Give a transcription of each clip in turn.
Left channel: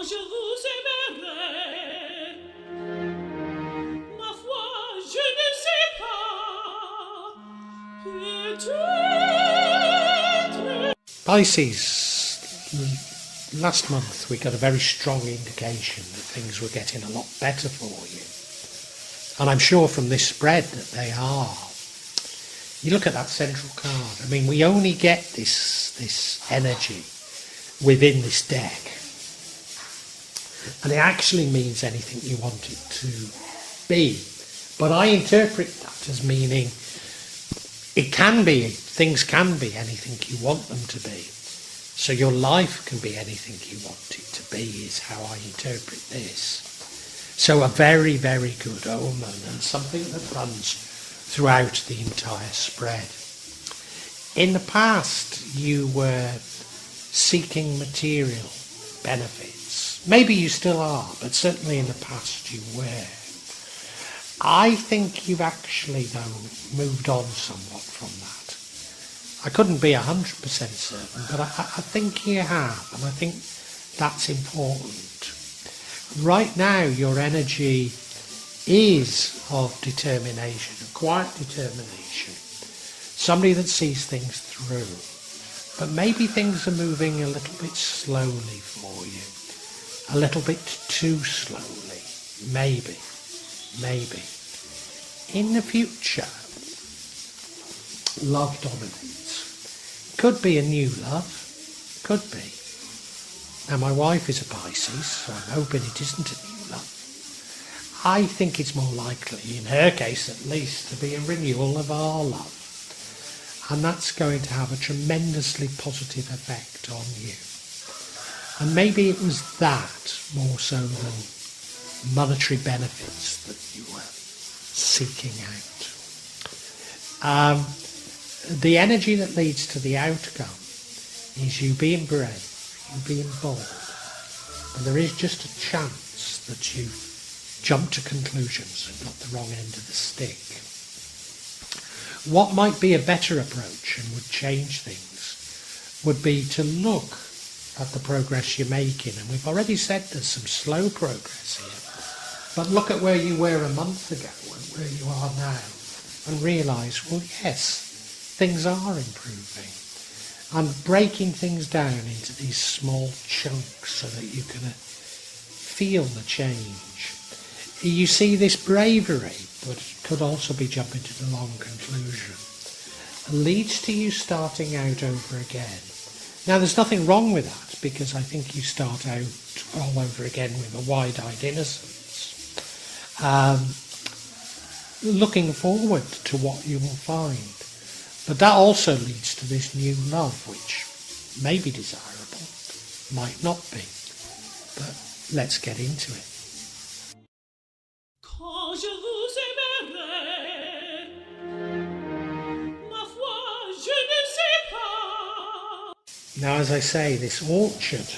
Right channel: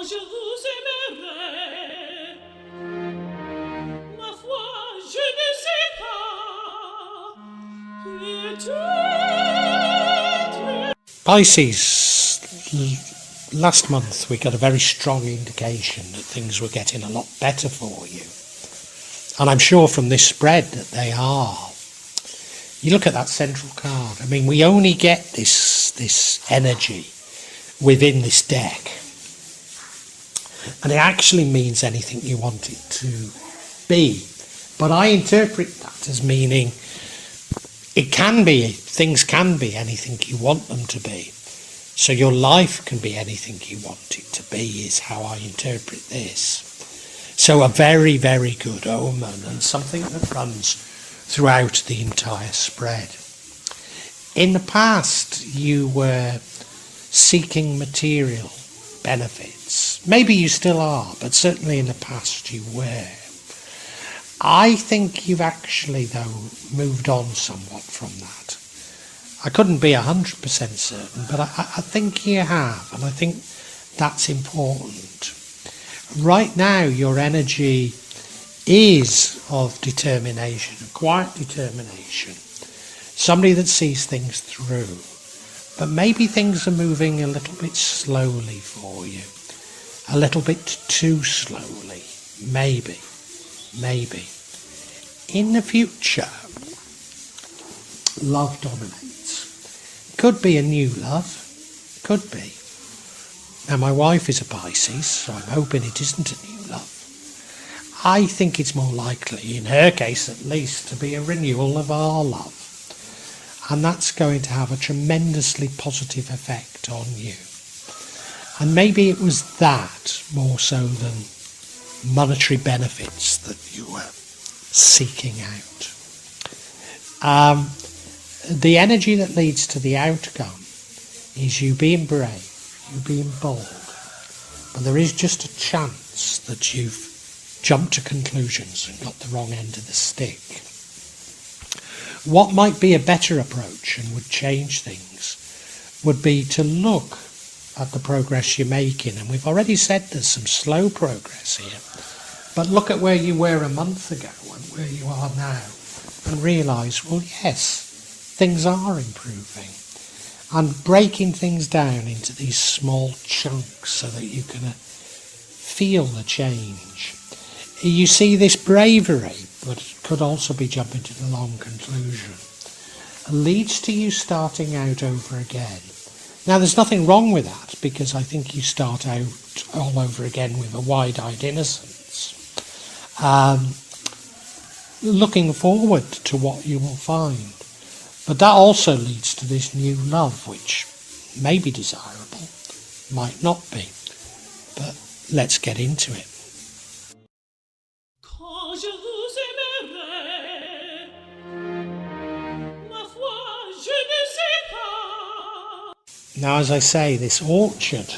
Je vous aimerai, ma foi, je ne sais pas, peut-être. Pisces, last month we got a very strong indication that things were getting a lot better for you. And I'm sure from this spread that they are. You look at that central card. I mean, we only get this energy within this deck. And it actually means anything you want it to be. But I interpret that as meaning things can be anything you want them to be. So your life can be anything you want it to be, is how I interpret this. So a very, very good omen, and something that runs throughout the entire spread. In the past, you were seeking material benefits. Maybe you still are, but certainly in the past you were. I think you've actually, though, moved on somewhat from that. I couldn't be 100% certain, but I think you have, and I think that's important. Right now, your energy is of determination, quiet determination. Somebody that sees things through. But maybe things are moving a little bit slowly for you. A little bit too slowly. Maybe. In the future, love dominates. Could be a new love. Could be. Now, my wife is a Pisces, so I'm hoping it isn't a new love. I think it's more likely, in her case at least, to be a renewal of our love. And that's going to have a tremendously positive effect on you. And maybe it was that more so than monetary benefits that you were seeking out. The energy that leads to the outcome is you being brave, you being bold. But there is just a chance that you've jumped to conclusions and got the wrong end of the stick. What might be a better approach and would change things would be to look at the progress you're making. And we've already said there's some slow progress here. But look at where you were a month ago and where you are now and realise, well, yes, things are improving. And breaking things down into these small chunks so that you can feel the change. You see this bravery, but could also be jumping to the long conclusion, leads to you starting out over again. Now, there's nothing wrong with that, because I think you start out all over again with a wide-eyed innocence, looking forward to what you will find. But that also leads to this new love, which may be desirable, might not be. But let's get into it. Quand je vous aimerai, ma foi, je ne sais pas. Now, as I say, this orchard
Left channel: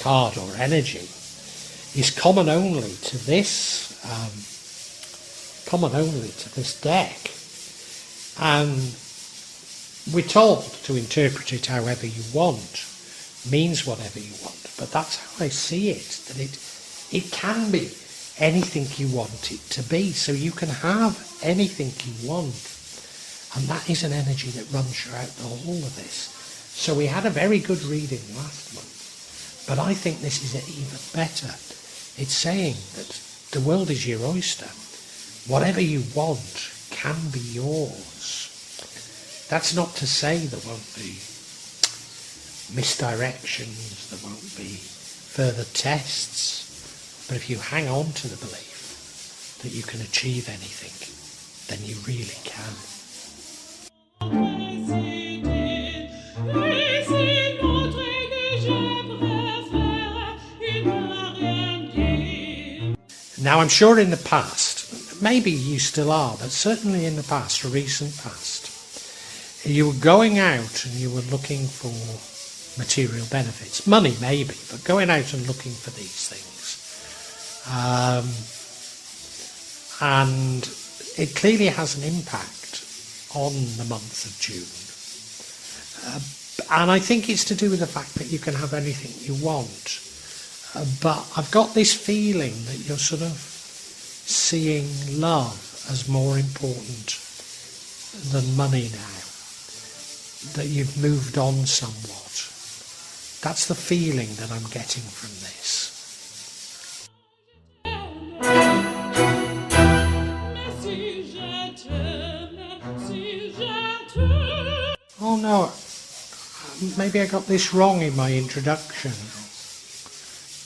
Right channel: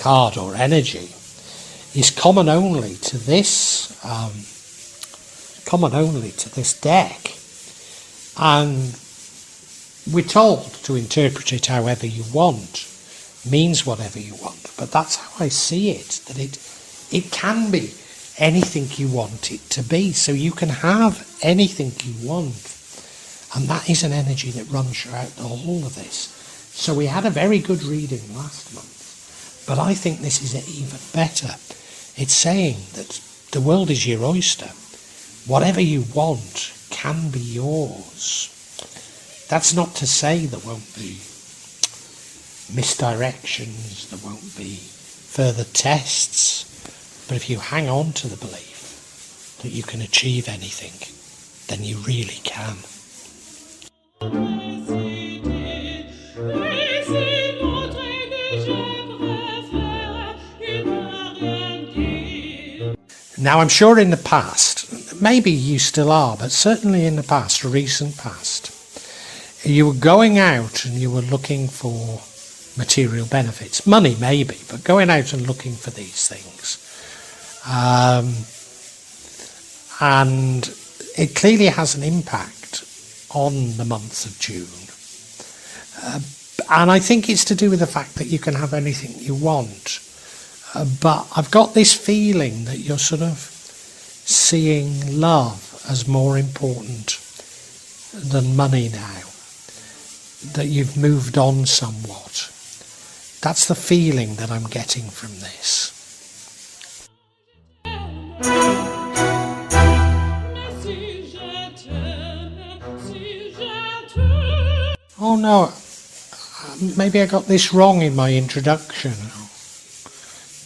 card or energy is common only to this deck, and we're told to interpret it however you want, means whatever you want. But that's how I see it, that it can be anything you want it to be. So you can have anything you want. And that is an energy that runs throughout the whole of this. So we had a very good reading last month. But I think this is even better. It's saying that the world is your oyster. Whatever you want can be yours. That's not to say there won't be misdirections, there won't be further tests. But if you hang on to the belief that you can achieve anything, then you really can. Now, I'm sure in the past, maybe you still are, but certainly in the past, recent past, you were going out and you were looking for material benefits. Money, maybe, but going out and looking for these things. And it clearly has an impact on the month of June. And I think it's to do with the fact that you can have anything you want. But I've got this feeling that you're sort of seeing love as more important than money now, that you've moved on somewhat. That's the feeling that I'm getting from this. Mais si je t'aime, si je t'aime. Oh no, maybe I got this wrong in my introduction.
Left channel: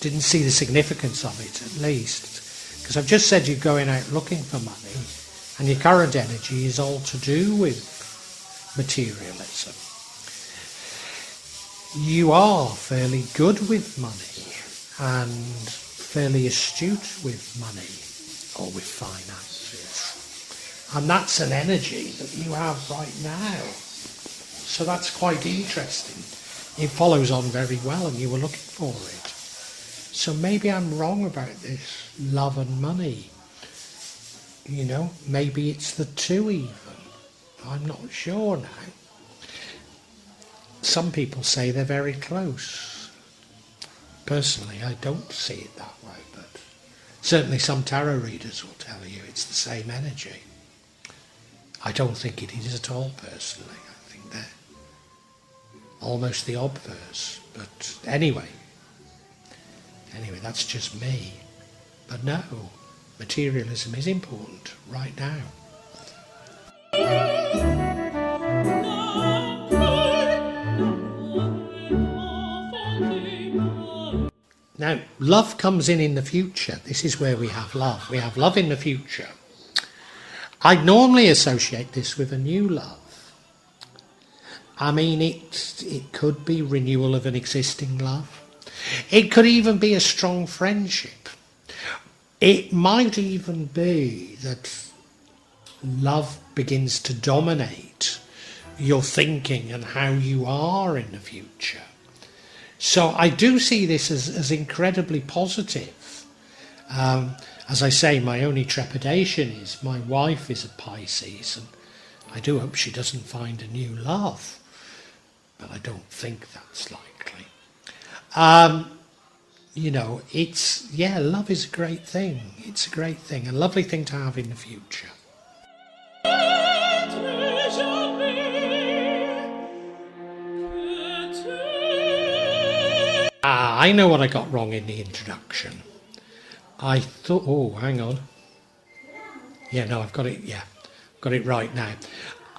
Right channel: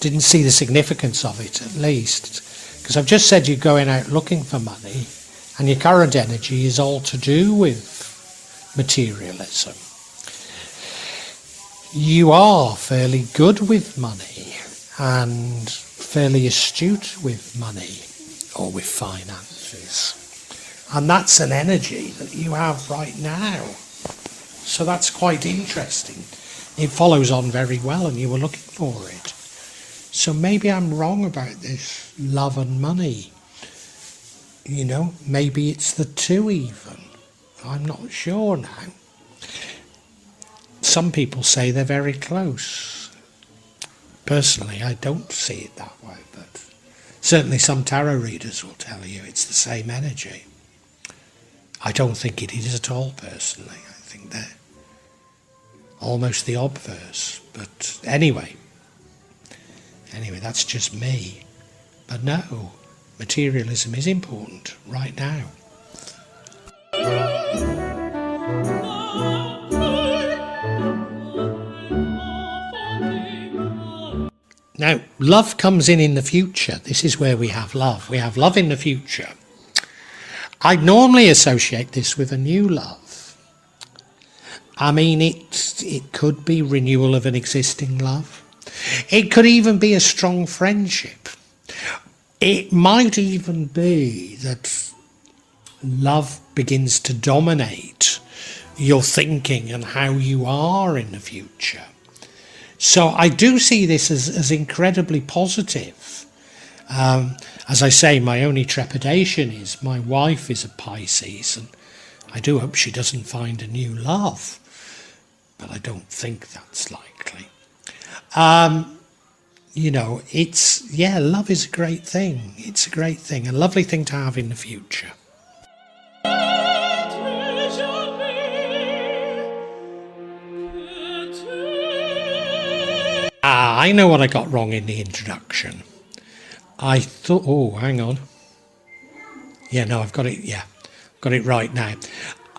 Didn't see the significance of it, at least. Because I've just said you're going out looking for money, and your current energy is all to do with materialism. You are fairly good with money and fairly astute with money or with finances. And that's an energy that you have right now. So that's quite interesting. It follows on very well and you were looking for it. So maybe I'm wrong about this love and money. You know, maybe it's the two even. I'm not sure now. Some people say they're very close. Personally, I don't see it that way, but certainly some tarot readers will tell you it's the same energy. I don't think it is at all, personally. I think they're almost the obverse. But anyway, that's just me. But no, materialism is important right now. Now, love comes in the future. This is where we have love. We have love in the future. I normally associate this with a new love. I mean, it could be renewal of an existing love. It could even be a strong friendship. It might even be that love begins to dominate your thinking and how you are in the future. So I do see this as incredibly positive. As I say, my only trepidation is my wife is a Pisces, and I do hope she doesn't find a new love, but I don't think that's likely. You know, love is a great thing. It's a great thing, a lovely thing to have in the future. I know what I got wrong in the introduction. I thought, oh, hang on. Yeah, no, I've got it, got it right now.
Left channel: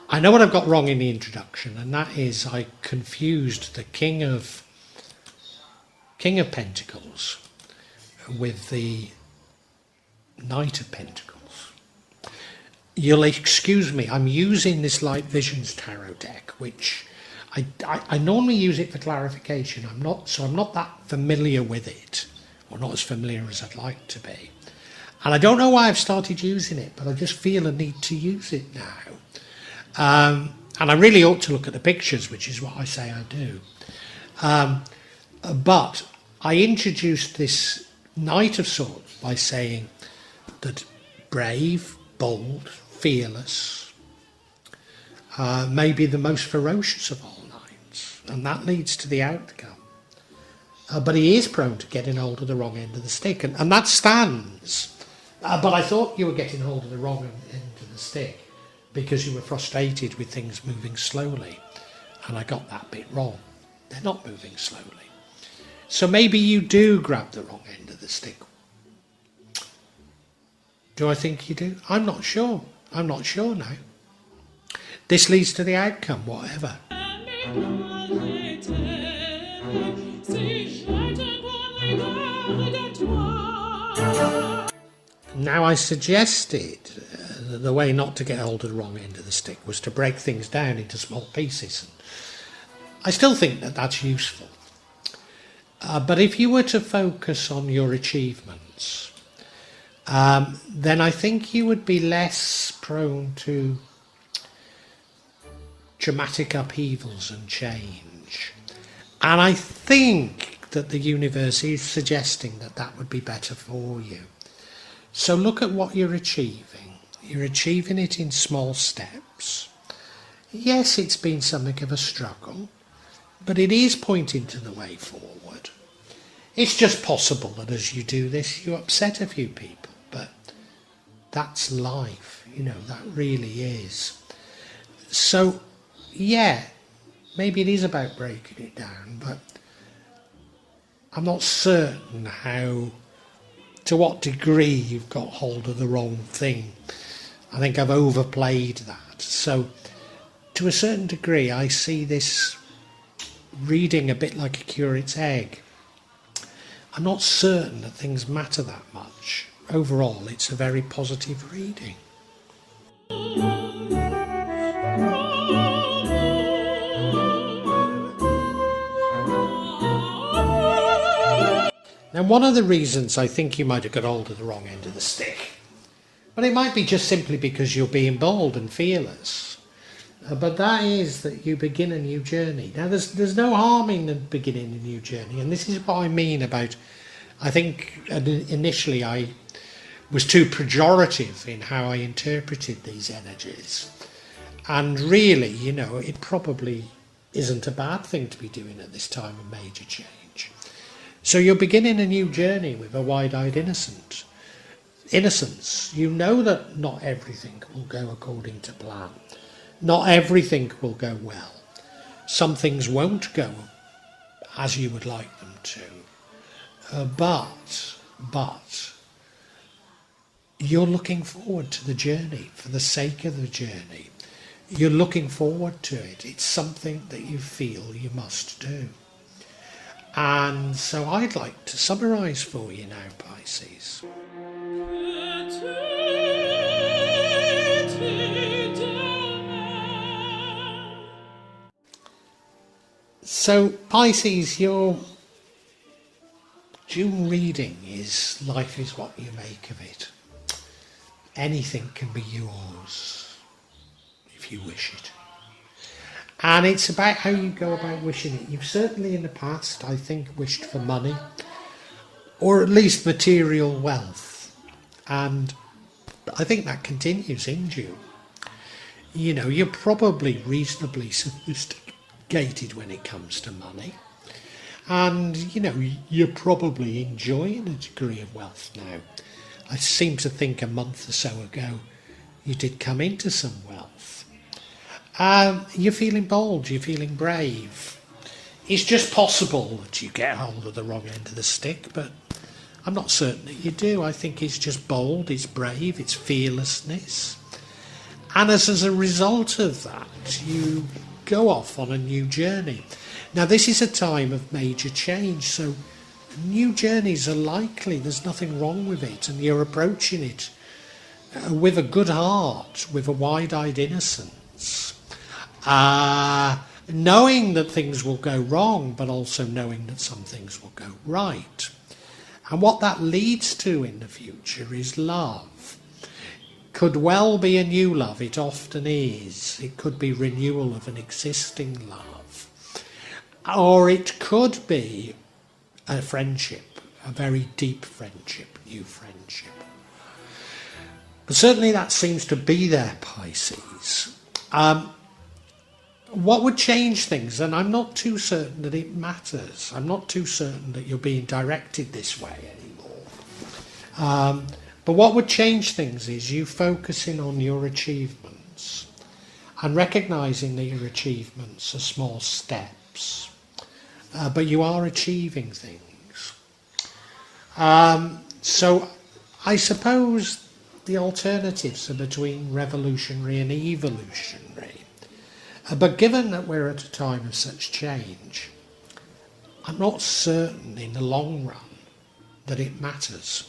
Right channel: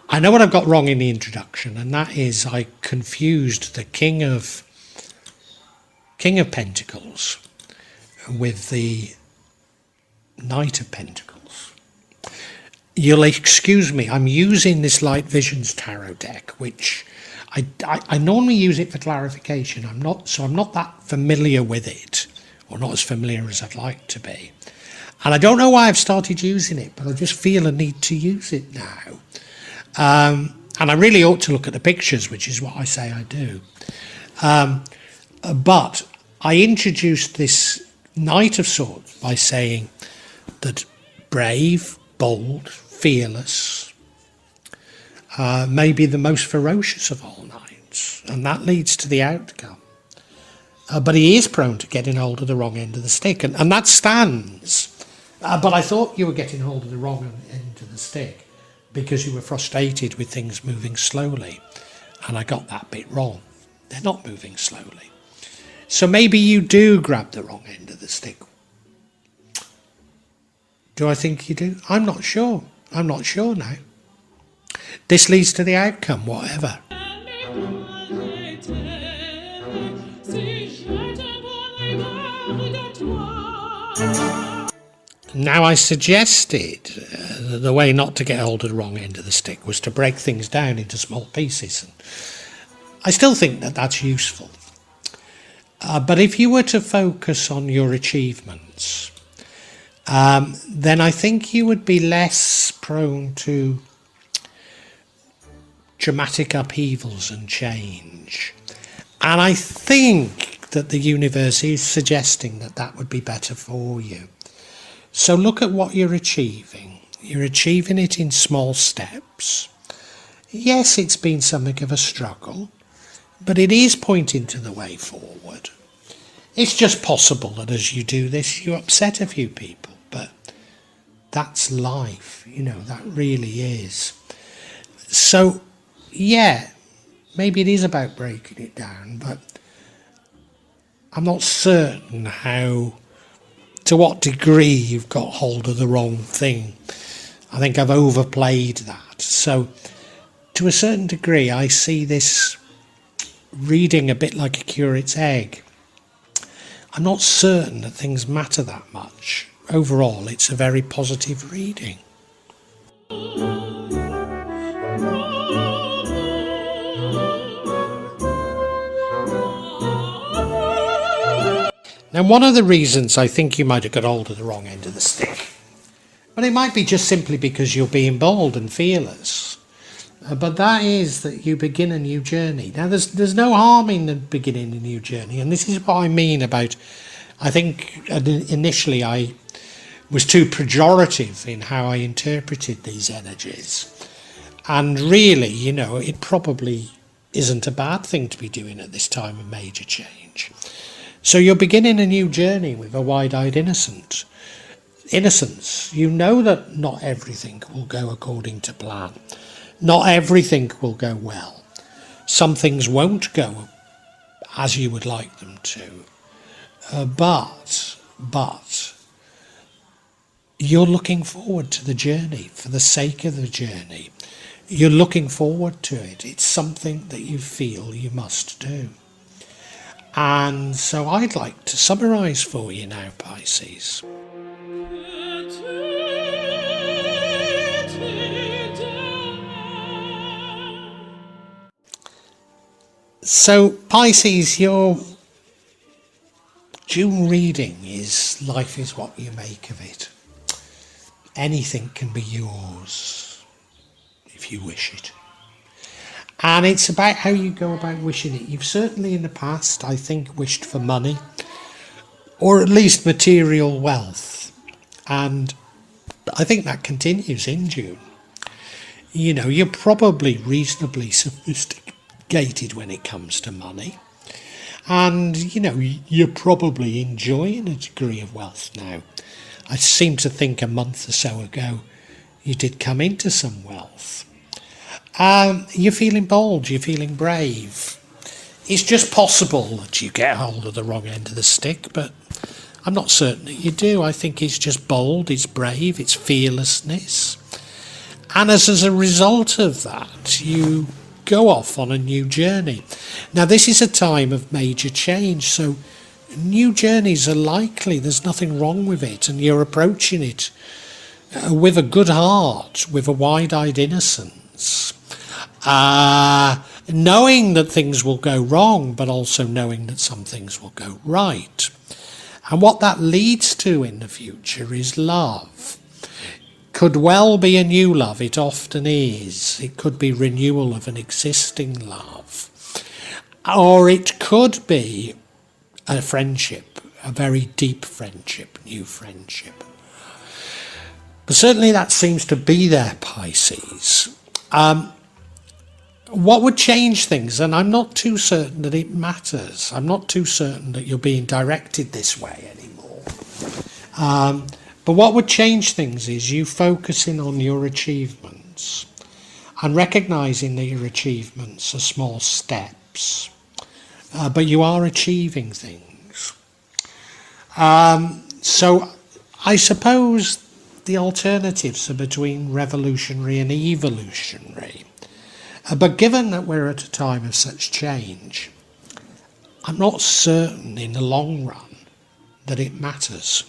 I know what I've got wrong in the introduction, and that is I confused the King of Pentacles with the Knight of Pentacles. You'll excuse me, I'm using this Light Visions tarot deck, which I normally use it for clarification. I'm not that familiar with it, or not as familiar as I'd like to be. And I don't know why I've started using it, but I just feel a need to use it now. And I really ought to look at the pictures, which is what I say I do. But I introduced this Knight of Swords by saying that brave, bold, fearless, may be the most ferocious of all knights, and that leads to the outcome. But he is prone to getting hold of the wrong end of the stick, and that stands. But I thought you were getting hold of the wrong end of the stick because you were frustrated with things moving slowly, and I got that bit wrong. They're not moving slowly. So maybe you do grab the wrong end of the stick. Do I think you do? I'm not sure. I'm not sure now. This leads to the outcome, whatever. Now, I suggested that the way not to get hold of the wrong end of the stick was to break things down into small pieces. And I still think that that's useful. But if you were to focus on your achievements, then I think you would be less prone to dramatic upheavals and change. And I think that the universe is suggesting that that would be better for you. So look at what you're achieving. You're achieving it in small steps. Yes, it's been something of a struggle, but it is pointing to the way forward. It's just possible that as you do this, you upset a few people, but that's life, that really is. So, yeah, maybe it is about breaking it down, but I'm not certain to what degree you've got hold of the wrong thing. I think I've overplayed that. So, to a certain degree, I see this reading a bit like a curate's egg. I'm not certain that things matter that much. Overall, it's a very positive reading. Now, one of the reasons I think you might have got hold of the wrong end of the stick, but it might be just simply because you're being bold and fearless. But that is that you begin a new journey. Now, there's no harm in beginning a new journey, and this is what I mean about, I think initially I was too pejorative in how I interpreted these energies. And really, it probably isn't a bad thing to be doing at this time of major change. So you're beginning a new journey with a wide-eyed innocence. You know that not everything will go according to plan. Not everything will go well. Some things won't go as you would like them to. But you're looking forward to the journey for the sake of the journey. You're looking forward to it. It's something that you feel you must do. And so I'd like to summarise for you now, Pisces. So, Pisces, your June reading is life is what you make of it. Anything can be yours if you wish it. And it's about how you go about wishing it. You've certainly in the past, I think, wished for money, or at least material wealth. And I think that continues in June. You're probably reasonably sophisticated when it comes to money. And, you're probably enjoying a degree of wealth now. I seem to think a month or so ago you did come into some wealth. You're feeling bold, you're feeling brave. It's just possible that you get hold of the wrong end of the stick, but I'm not certain that you do. I think it's just bold, it's brave, it's fearlessness. And as a result of that, you go off on a new journey. Now, this is a time of major change, so new journeys are likely. There's nothing wrong with it, and you're approaching it with a good heart, with a wide-eyed innocence, knowing that things will go wrong, but also knowing that some things will go right. And what that leads to in the future is love. Could well be a new love, it often is. It could be renewal of an existing love. Or it could be a friendship, a very deep friendship, new friendship. But certainly that seems to be there, Pisces. What would change things? And I'm not too certain that it matters. I'm not too certain that you're being directed this way anymore. But what would change things is you focusing on your achievements and recognising that your achievements are small steps. But you are achieving things. So I suppose the alternatives are between revolutionary and evolutionary. But given that we're at a time of such change, I'm not certain in the long run that it matters.